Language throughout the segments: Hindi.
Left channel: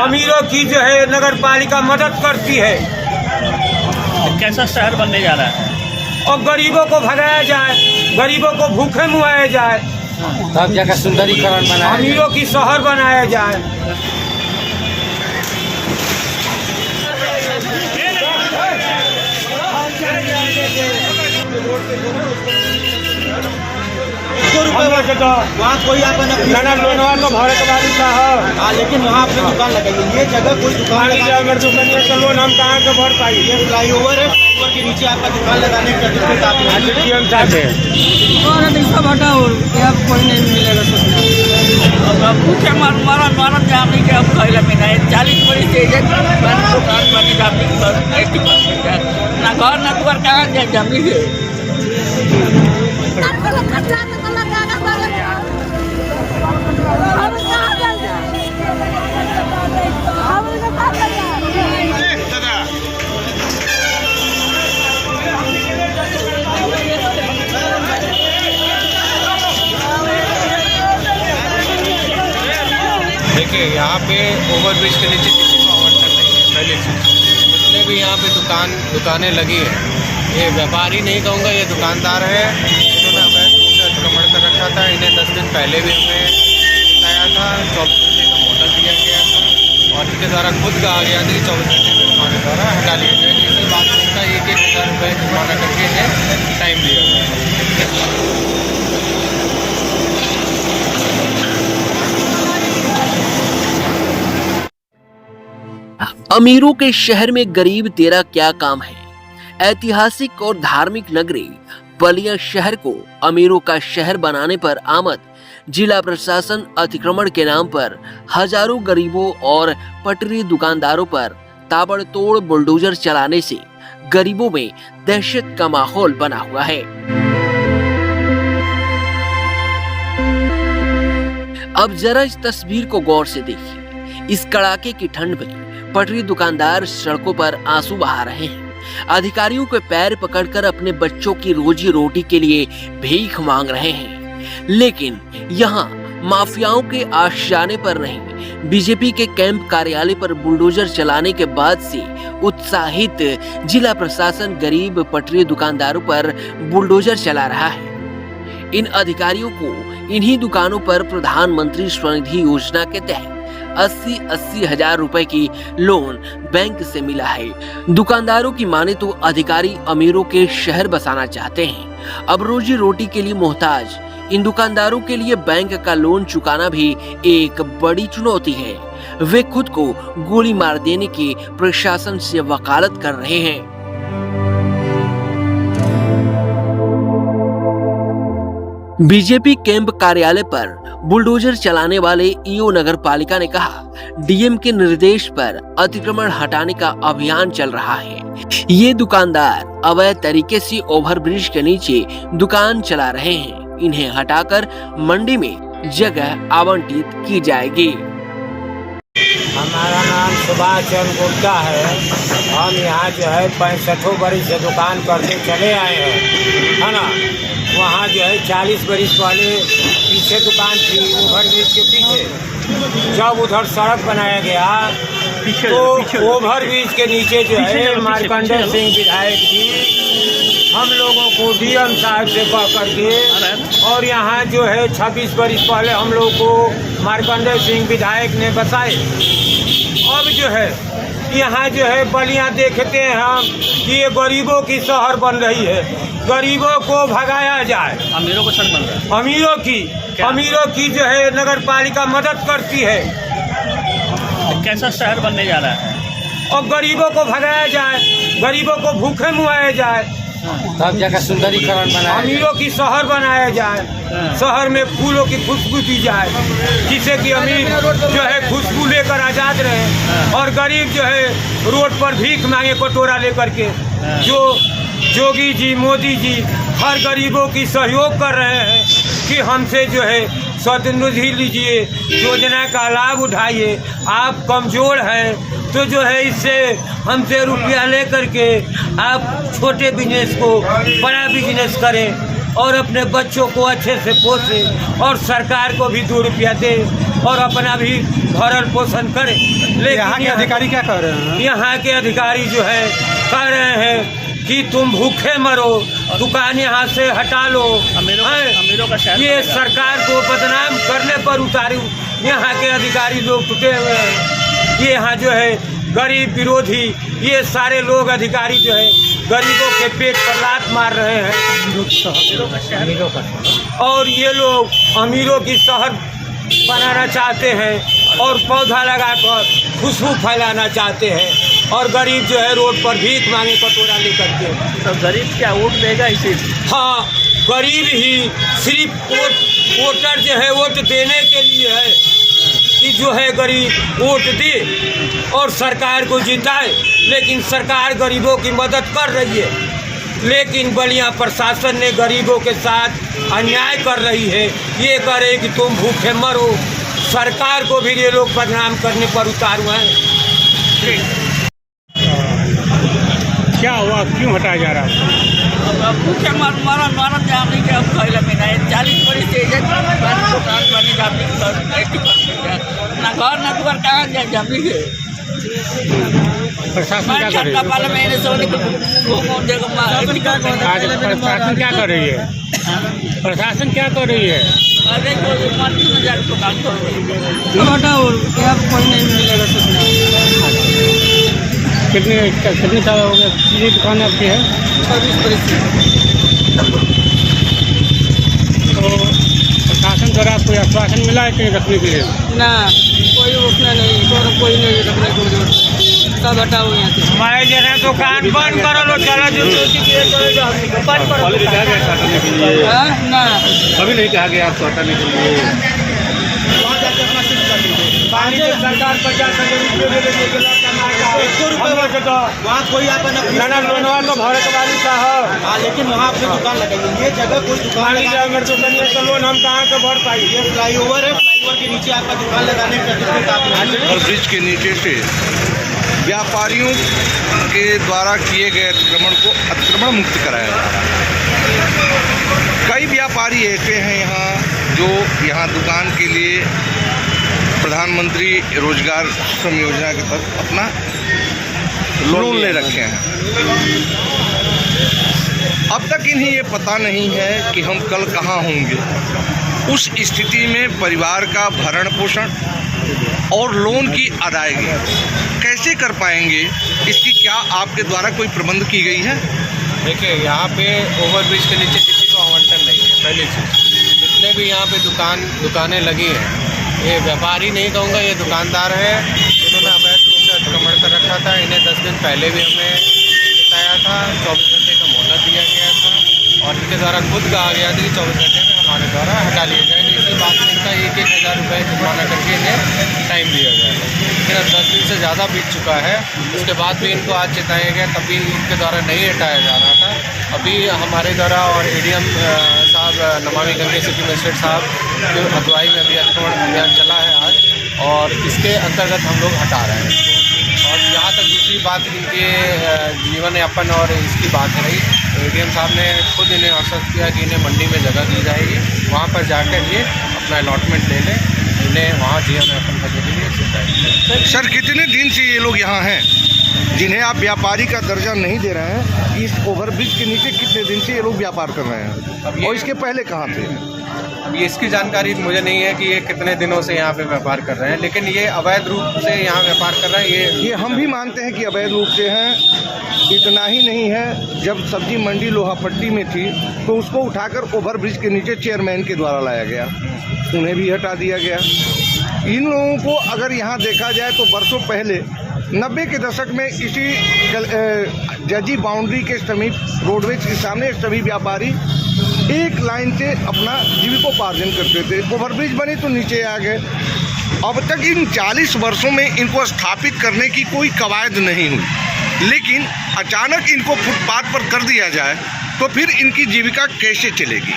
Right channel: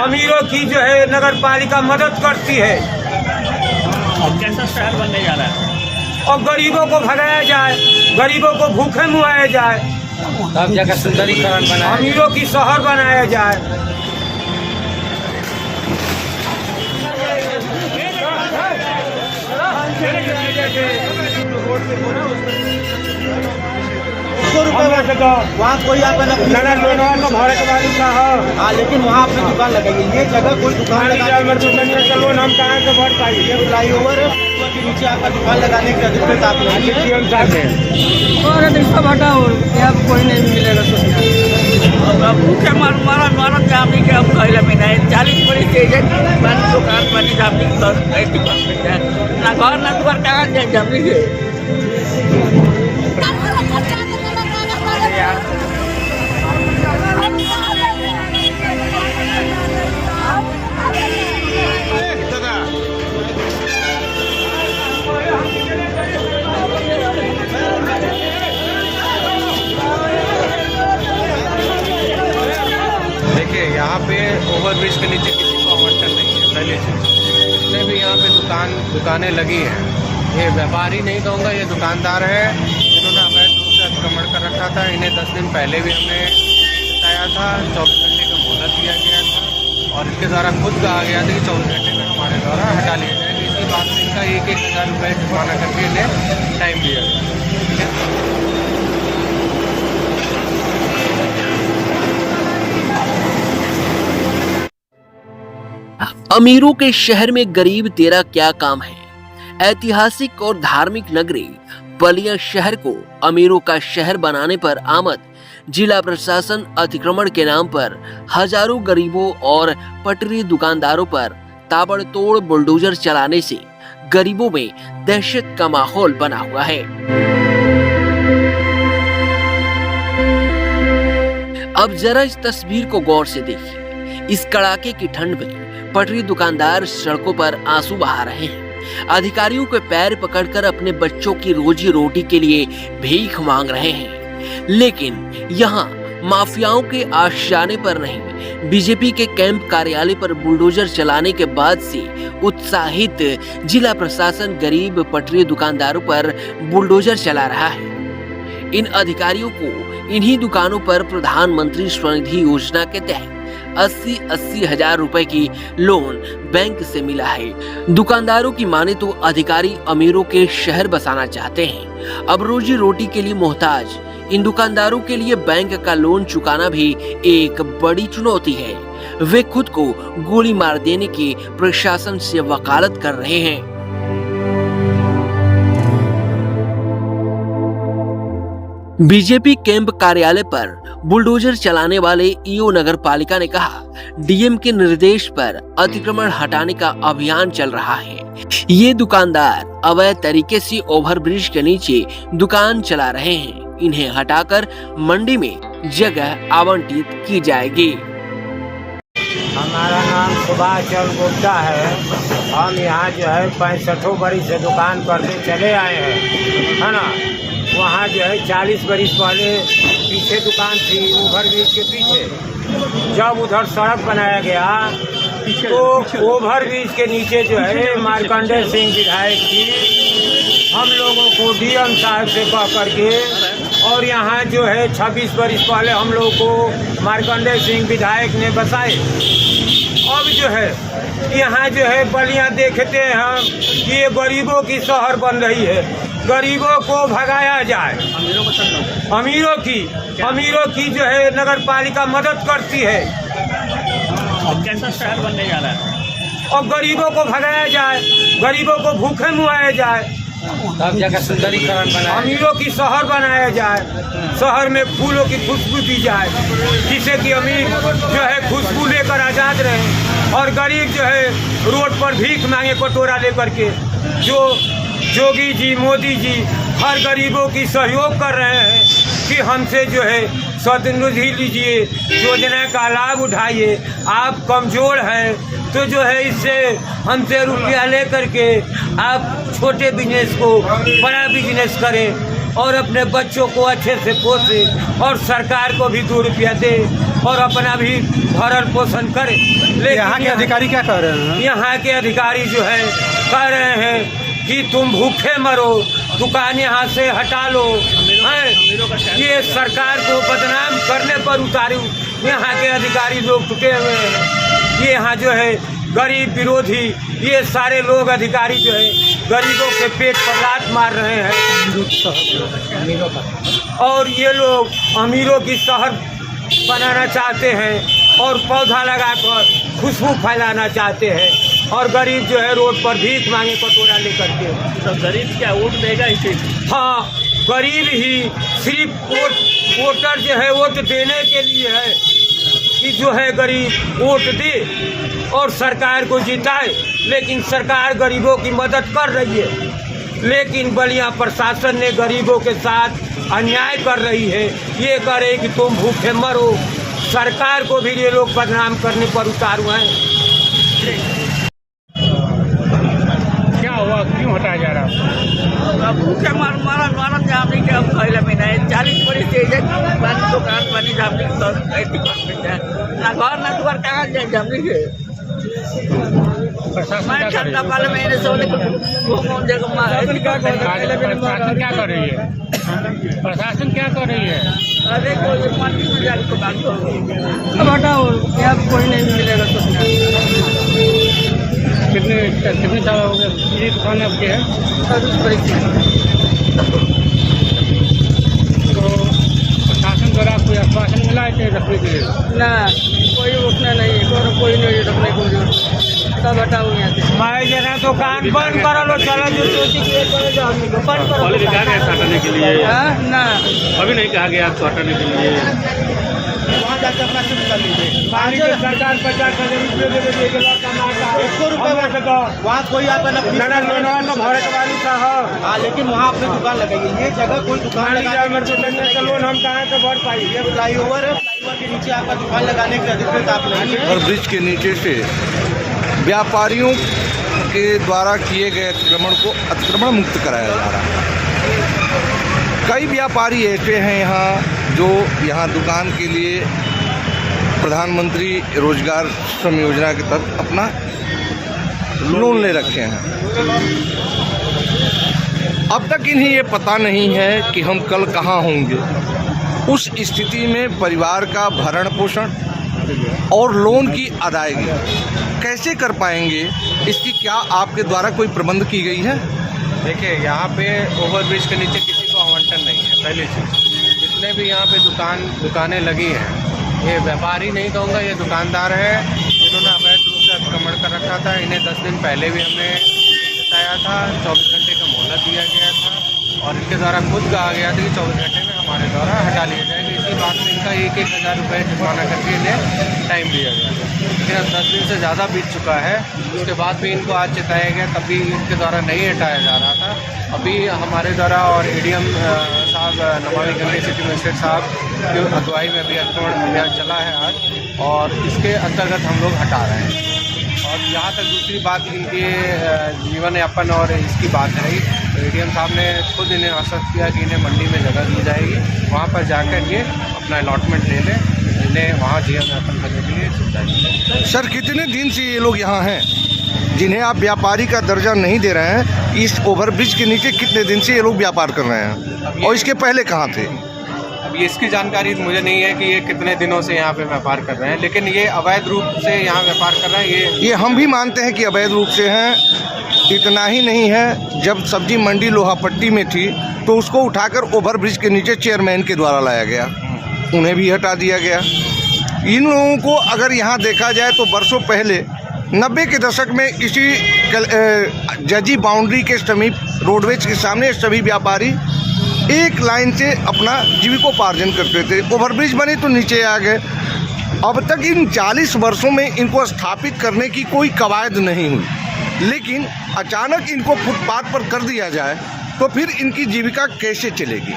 अमीरों की जो है नगर पालिका मदद करती है। कैसा शहर बनने जा रहा है? और गरीबों को भगाया जाए, गरीबों को भूखे मुआया जाए, तब जाकर सुंदरीकरण बना, अमीरों की शहर बनाया जाए। वहाँ कोई आपका हाँ, लेकिन वहाँ आपने दुकान लगाई है। ये जगह कोई दुकान लोन हम कहाँ से भर पाई? ये फ्लाईओवर है, फ्लाईओवर के नीचे आपका दुकान लगाने की अधिकृत आप और इसका भटा और यहाँ कोई नहीं मिलेगा सोचना। भूखे मारा जामनी के अब कहला में नहीं 40 बड़ी स्टेशन दुकान बनी जामनी की ना घर ना दुकान कहाँ जाए जामनी के। देखिए, यहाँ पे ओवरब्रिज के नीचे किसी को आवंटन नहीं है। पहली चीज़, जितने भी यहाँ पे दुकानें लगी हैं, ये व्यापारी नहीं कहूँगा, ये दुकानदार हैं। इन्होंने अवैध रूप से अतिक्रमण कर रखा था। इन्हें 10 दिन पहले भी हमने बताया था, 24 घंटे का मोहलत दिया गया था और इनके द्वारा खुद कहा गया था कि 24 घंटे में हमारे द्वारा हटा लिया जाएगा। इसी बात का 1,000 रुपये जुर्माना करके इन्हें टाइम दिया गया। अमीरों के शहर में गरीब तेरा क्या काम है। ऐतिहासिक और धार्मिक नगरी बलिया शहर को अमीरों का शहर बनाने पर आमद जिला प्रशासन अतिक्रमण के नाम पर हजारों गरीबों और पटरी दुकानदारों पर ताबड़तोड़ बुलडोजर चलाने से गरीबों में दहशत का माहौल बना हुआ है। अब जरा इस तस्वीर को गौर से देखिए। इस कड़ाके की ठंड में पटरी दुकानदार सड़कों पर आंसू बहा रहे हैं। अधिकारियों के पैर पकड़कर अपने बच्चों की रोजी रोटी के लिए भीख मांग रहे हैं, लेकिन यहाँ माफियाओं के आशियाने पर नहीं, बीजेपी के कैंप कार्यालय पर बुलडोजर चलाने के बाद से उत्साहित जिला प्रशासन गरीब पटरी दुकानदारों पर बुलडोजर चला रहा है। इन अधिकारियों को इन्हीं दुकानों पर प्रधानमंत्री स्वनिधि योजना के तहत 80 हजार रुपए की लोन बैंक से मिला है। दुकानदारों की माने तो अधिकारी अमीरों के शहर बसाना चाहते हैं। अब रोजी रोटी के लिए मोहताज इन दुकानदारों के लिए बैंक का लोन चुकाना भी एक बड़ी चुनौती है। वे खुद को गोली मार देने की प्रशासन से वकालत कर रहे हैं। बीजेपी कैंप कार्यालय पर बुलडोजर चलाने वाले ईओ नगर पालिका ने कहा, डीएम के निर्देश पर अतिक्रमण हटाने का अभियान चल रहा है। ये दुकानदार अवैध तरीके से ओवरब्रिज के नीचे दुकान चला रहे हैं। इन्हें हटाकर मंडी में जगह आवंटित की जाएगी। हमारा नाम सुभाष चंद्र गुप्ता है। हम यहाँ जो है 65 बरस से दुकान करते चले आए हैं, है ना। वहाँ जो है 40 बरस पहले पीछे दुकान थी, ओवरब्रिज के पीछे। जब उधर सड़क बनाया गया तो ओवरब्रिज के नीचे जो है मार्कंडेय सिंह विधायक जी हम लोगों को डीएम साहब से कह करके, और यहाँ जो है 26 बरस पहले हम लोगों को मार्कंडेय सिंह विधायक ने बसाए। अब जो है यहाँ जो है बलिया देखते हैं हम कि ये गरीबों की शहर बन रही है। गरीबों को भगाया जाए, अमीरों की जो है नगर पालिका मदद करती है। कैसा शहर बनने जा रहा है? और गरीबों को भगाया जाए, गरीबों को भूखे मुआया जाए, तब जाकर सुंदरीकरण बना, अमीरों की शहर बनाया जाए। शहर में फूलों की खुशबू दी जाए, जिससे कि अमीर जो है खुशबू लेकर आज़ाद रहे और गरीब जो है रोड पर भीख मांगे कटोरा लेकर के। जो योगी जी, मोदी जी हर गरीबों की सहयोग कर रहे हैं कि हमसे जो है स्वनिधि लीजिए, योजना का लाभ उठाइए। आप कमज़ोर हैं तो जो है इससे हमसे रुपया ले करके आप छोटे बिजनेस को बड़ा बिजनेस करें और अपने बच्चों को अच्छे से पोसें और सरकार को भी 2 रुपया दें। और अपना भी भरण पोषण करे। लेकिन यहाँ के अधिकारी क्या कह रहे हैं? यहाँ के अधिकारी जो है कह रहे हैं कि तुम भूखे मरो, दुकान यहाँ से हटा लो। ये सरकार को बदनाम करने पर उतारे यहाँ के अधिकारी लोग टूटे हुए हैं। ये यहाँ जो है गरीब विरोधी ये सारे लोग अधिकारी जो है गरीबों के पेट पर लात मार रहे हैं और ये लोग अमीरों की शहर बनाना चाहते हैं और पौधा लगाकर खुशबू फैलाना चाहते हैं और गरीब जो है रोड पर भीख मांगे कटोरा लेकर के। तो गरीब क्या वोट देगा इसे? हाँ, गरीब ही सिर्फ वोटर जो है वोट देने के लिए है कि जो है गरीब वोट दे और सरकार को जिताए। लेकिन सरकार गरीबों की मदद कर रही है, लेकिन बलिया प्रशासन ने गरीबों के साथ अन्याय कर रही है। ये करे कि तुम भूखे मरो, सरकार को भी ये लोग बदनाम करने पर उतारू हैं। क्या हुआ, क्यों हटाया जा रहा है? अब भूखे मारन जामनी के अब कहला में नहीं 40 बरिस से दुकान बनी जामनी के ना घर ना दुआर कहाँ जाए जामनी के। मैं ठंडा पाले महीने से प्रशासन क्या कर रही है? प्रशासन क्या कर रही है? अरे कोई मंडी में जाकर दुकान करो। अब हटाओ, यहाँ पे कोई नहीं मिलेगा सोचना। कितने साल हो गए दुकान आपकी है? 26 बरिस से। तो प्रशासन द्वारा कोई आश्वासन मिला है कि रखने के लिए? ना, कोई उठना नहीं है, कोई नहीं रखने को जरूरत, सब हटाओ यहाँ से। मैं जो है दुकान बंद करो लो, चलो जो चोटी के बंद करो दुकान। हाँ ना, अभी नहीं कहा गया आपको हटाने के लिए। वहाँ जाकर अपना सिर्फ कर लीजिए। पानी के सरकार 50,000 रुपये दे देगी, कमाएगा 100 रुपये वहाँ कोई आपका नाना लोनवा तो भारत वाली का है। हाँ, लेकिन वहाँ अपनी दुकान लगाइए। ये जगह कोई दुकान मेरे तो कन्या का लोन हम कहाँ से भर पाई? ये फ्लाईओवर है, फ्लाईओवर के नीचे आपका दुकान लगाने का अधिकृत आप नहीं है। और ब्रिज के नीचे से व्यापारियों के द्वारा किए गए अतिक्रमण को अतिक्रमण मुक्त कराया जा रहा है। कई व्यापारी ऐसे हैं यहाँ जो यहाँ दुकान के लिए प्रधानमंत्री रोजगार श्रम योजना के तहत अपना लोन ले रखे हैं। अब तक इन्हें ये पता नहीं है कि हम कल कहाँ होंगे। उस स्थिति में परिवार का भरण पोषण और लोन की अदायगी कैसे कर पाएंगे, इसकी क्या आपके द्वारा कोई प्रबंध की गई है? देखिए, यहाँ पे ओवरब्रिज के नीचे किसी को आवंटन नहीं है। पहली चीज़, जितने भी यहाँ पे दुकानें लगी हैं, ये व्यापारी नहीं कहूँगा, ये दुकानदार हैं। इन्होंने अवैध रूप से अतिक्रमण कर रखा था। इन्हें 10 दिन पहले भी हमने बताया था, 24 घंटे का मोहलत दिया गया था और इनके द्वारा खुद कहा गया था कि 24 घंटे में हमारे द्वारा हटा लिया जाएगा। इसी बात में इनका 1,000 रुपये जुर्माना करके इन्हें टाइम दिया गया था। लेकिन अब 10 दिन से ज़्यादा बीत चुका है, उसके बाद भी इनको आज चेताया गया, तब भी इनके द्वारा नहीं हटाया जा रहा था। अभी हमारे द्वारा और एडीएम साहब, नमामि गंगे सिटी मजिस्ट्रेट साहब की अगुवाई में भी अतिक्रमण अभियान चला है आज, और इसके अंतर्गत हम लोग हटा रहे हैं। और जहाँ तक दूसरी बात इनके जीवन यापन और इसकी बात रही, तो एडीएम साहब ने खुद इन्हें आश्वस्त किया कि इन्हें मंडी में जगह दी जाएगी, वहाँ पर जाकर ये अपना अलॉटमेंट ले लें, इन्हें वहाँ जीवन यापन करने के लिए सुविधा दी। सर, कितने दिन से ये लोग यहाँ हैं जिन्हें आप व्यापारी का दर्जा नहीं दे रहे हैं? इस ओवरब्रिज के नीचे कितने दिन से ये लोग व्यापार कर रहे हैं और इसके पहले कहाँ थे? अब ये इसकी जानकारी मुझे नहीं है कि ये कितने दिनों से यहाँ पे व्यापार कर रहे हैं, लेकिन ये अवैध रूप से यहाँ व्यापार कर रहे हैं। ये हम भी मानते हैं कि अवैध रूप से हैं। इतना ही नहीं है, जब सब्जी मंडी लोहापट्टी में थी तो उसको उठाकर ओवरब्रिज के नीचे चेयरमैन के द्वारा लाया गया, उन्हें भी हटा दिया गया। इन लोगों को अगर यहाँ देखा जाए तो वर्षों पहले 90 के दशक में इसी जजी बाउंड्री के समीप रोडवेज के सामने सभी व्यापारी एक लाइन से अपना जीविकोपार्जन करते थे। ओवरब्रिज बने तो नीचे आ गए। अब तक इन 40 वर्षों में इनको स्थापित करने की कोई कवायद नहीं हुई, लेकिन अचानक इनको फुटपाथ पर कर दिया जाए तो फिर इनकी जीविका कैसे चलेगी?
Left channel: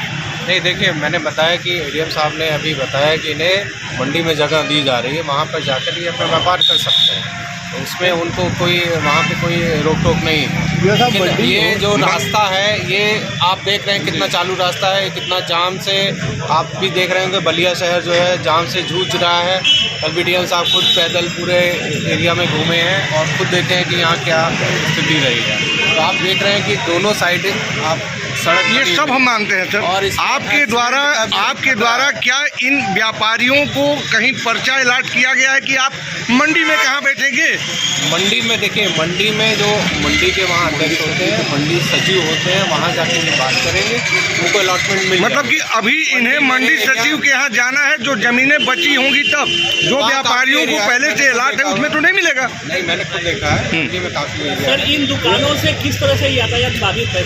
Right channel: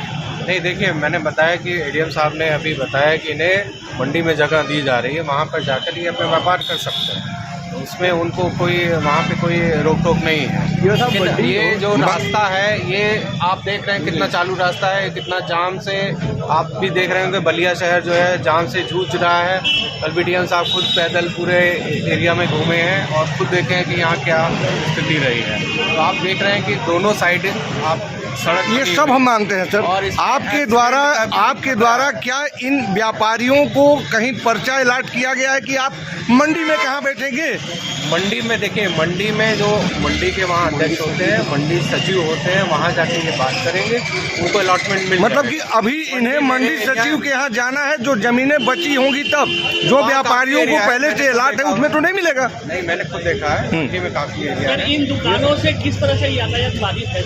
नहीं, देखिए, मैंने बताया कि एडीएम साहब ने अभी बताया कि इन्हें मंडी में जगह दी जा रही है, वहाँ पर जाकर ये अपना व्यापार कर सकते हैं। उसमें उनको कोई वहाँ पे कोई रोक टोक नहीं है। लेकिन ये जो रास्ता है ये आप देख रहे हैं कितना चालू रास्ता है, कितना जाम से आप भी देख रहे होंगे। बलिया शहर जो है जाम से जूझ रहा है। कल भी डीएम साहब खुद पैदल पूरे एरिया में घूमे हैं और खुद देखे हैं कि यहाँ क्या स्थिति रही है। तो आप देख रहे हैं कि दोनों साइड आप सड़क ये सब हम मानते हैं सर। और आपके द्वारा क्या इन व्यापारियों को कहीं पर्चा अलाट किया गया है कि आप मंडी में कहाँ बैठेंगे? मंडी में देखिए, मंडी में जो मंडी के वहाँ अध्यक्ष होते हैं, मंडी सचिव होते हैं, वहाँ जाके ये बात करेंगे, उनको अलॉटमेंट मिल मतलब कि अभी इन्हें मंडी सचिव के यहाँ जाना है, जो जमीनें बची होंगी तब जो व्यापारियों को पहले से अलाट है उसमें तो नहीं मिलेगा। नहीं, मैंने खुद देखा है मंडी में काफ़ी एरिया है। इन दुकानों से किस तरह से यातायात बाधित है?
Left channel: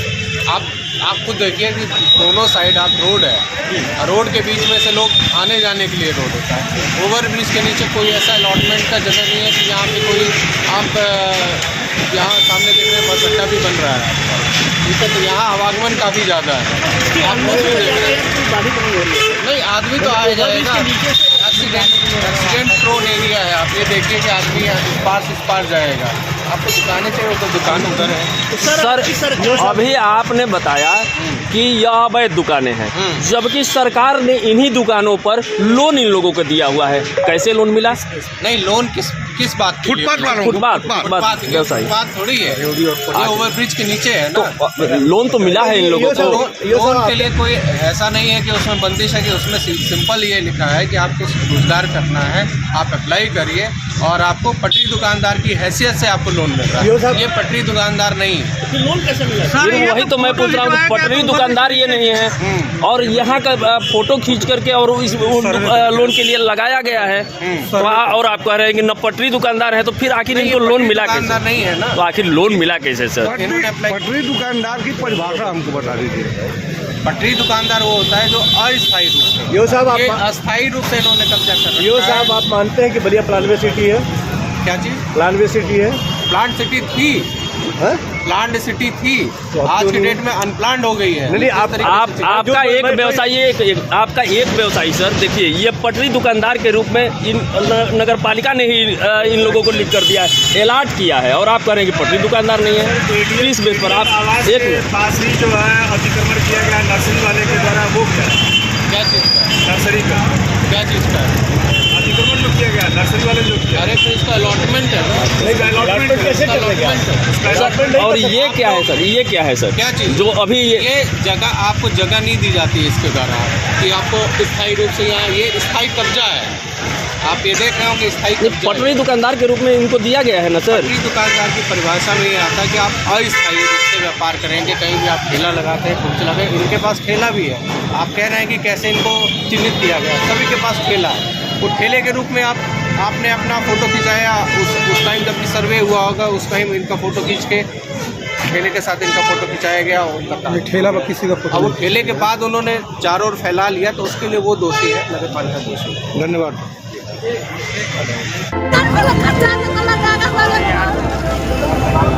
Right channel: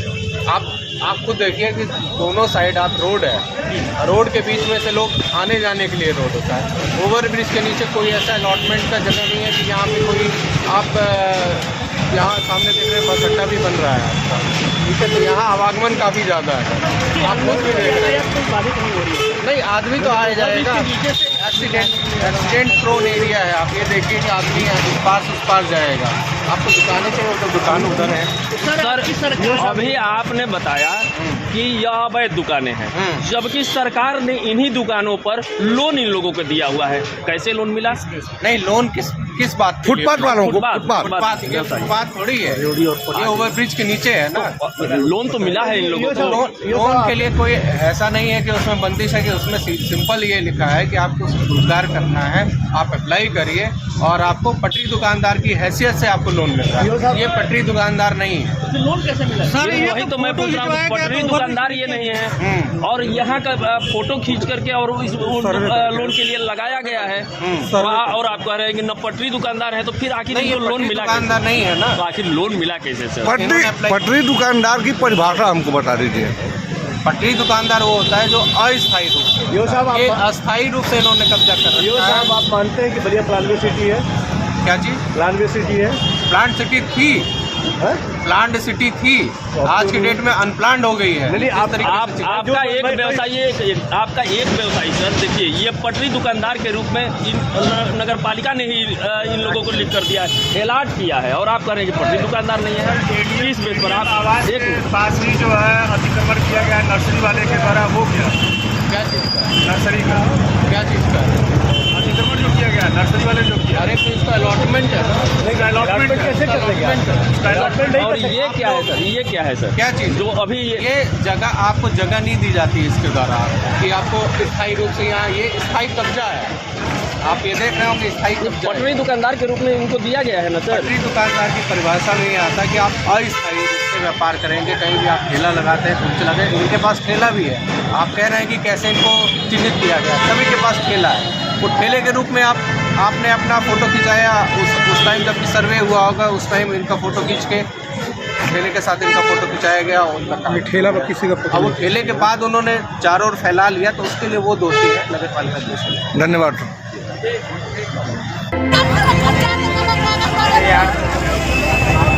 आप खुद देखिए कि दोनों साइड आप रोड है, रोड के बीच में से लोग आने जाने के लिए रोड होता है। ओवर ब्रिज के नीचे कोई ऐसा अलॉटमेंट का जगह नहीं है कि यहाँ पे कोई आप यहाँ सामने देख रहे हैं बस अड्डा भी बन रहा है आपका, ठीक है। तो यहाँ आवागमन काफ़ी ज़्यादा है, आप खुद भी देख रहे हैं। नहीं, आदमी तो आ जाएगा। एक्सीडेंट प्रोन एरिया है। आप ये देखिए कि आदमी इस पार से उस पार जाएगा। आपको दुकानें चाहिए उधर, दुकान उधर है। सर अभी आपने बताया कि यह अवैध दुकानें हैं, जबकि सरकार ने इन्हीं दुकानों पर लोन इन लोगों को दिया हुआ है। कैसे लोन मिला? नहीं, लोन किस बात के लिए? फुटपाथ वालों को। फुटपाथ थोड़ी है, ये ओवर ब्रिज के नीचे है ना। लोन तो मिला है इन लोगों को। लोन के लिए कोई ऐसा नहीं है कि उसमें बंदिश है, कि उसमें सिंपल ये लिखा है कि आपको रोजगार करना है, आप अप्लाई करिए और आपको पटरी दुकानदार की हैसियत से आपको लोन मिल रहा है। ये पटरी दुकानदार नहीं है। लोन कैसे मिला? वही तो मैं पूछ रहा हूँ, पटरी दुकानदार ये नहीं है और यहाँ का फोटो खींच करके और इस लोन के लिए लगाया गया है, और आप कह रहे हैं कि न पटरी दुकानदार है, तो फिर आखिर इनको लोन मिला? दुकानदार नहीं है ना, तो आखिर लोन मिला कैसे सर? पटरी दुकानदार की परिभाषा हमको बता दीजिए। पटरी दुकानदार वो होता है जो अस्थायी रूप से, ये अस्थायी रूप से इन्होंने कब्जा कर रखा है। आप मानते हैं कि बलिया प्लानवे सिटी है? क्या चीज? प्लानवे सिटी है? प्लांट सिटी थी, प्लांट सिटी थी, आज की डेट में अनप्लान्ड हो गई है। आपका एक व्यवसायी सर, देखिए ये पटरी दुकानदार के रूप में इन नगर पालिका ने ही इन लोगों को लिख कर दिया है, अलॉट किया है, और आप कह रहे हैं कि पटरी दुकानदार नहीं है। किस बेस पर आप एक पास ही जो है अतिक्रमण किया गया नर्सरी वाले के द्वारा, वो क्या चीज़ का? नर्सरी का क्या चीज़ का अतिक्रमण जो किया गया नर्सरी वाले जो किया? अरे तो इसका अलॉटमेंट है ना। अलॉटमेंट कैसे कर सर, और ये क्या है सर? ये क्या है सर? क्या चीज़? जो अभी ये जगह, आपको जगह नहीं दी जाती है इसके द्वारा कि आपको स्थायी रूप से, यहाँ ये स्थायी कब्जा है। आप ये देख रहे हो कि स्थायी कब्जा पटरी दुकानदार के रूप में इनको दिया गया है ना सर? पटरी दुकानदार की परिभाषा में ये आता है कि आप अस्थायी रूप से व्यापार करेंगे। कहीं भी आप ठेला लगाते हैं, ठुमचे लगाते हैं, इनके पास ठेला भी है। आप कह रहे हैं कि कैसे इनको चिन्हित किया गया? सभी के पास ठेला है। वो ठेले के रूप में आपने अपना फ़ोटो खिंचाया, उस टाइम जब भी सर्वे हुआ होगा उस टाइम इनका फ़ोटो खींच के ठेले के साथ इनका फ़ोटो खिंचाया गया। उनका ठेला किसी का अब वो ठेले के बाद उन्होंने चारों ओर फैला लिया, तो उसके लिए वो दोषी है, नगर पालिका दोषी है। धन्यवाद। Thank you.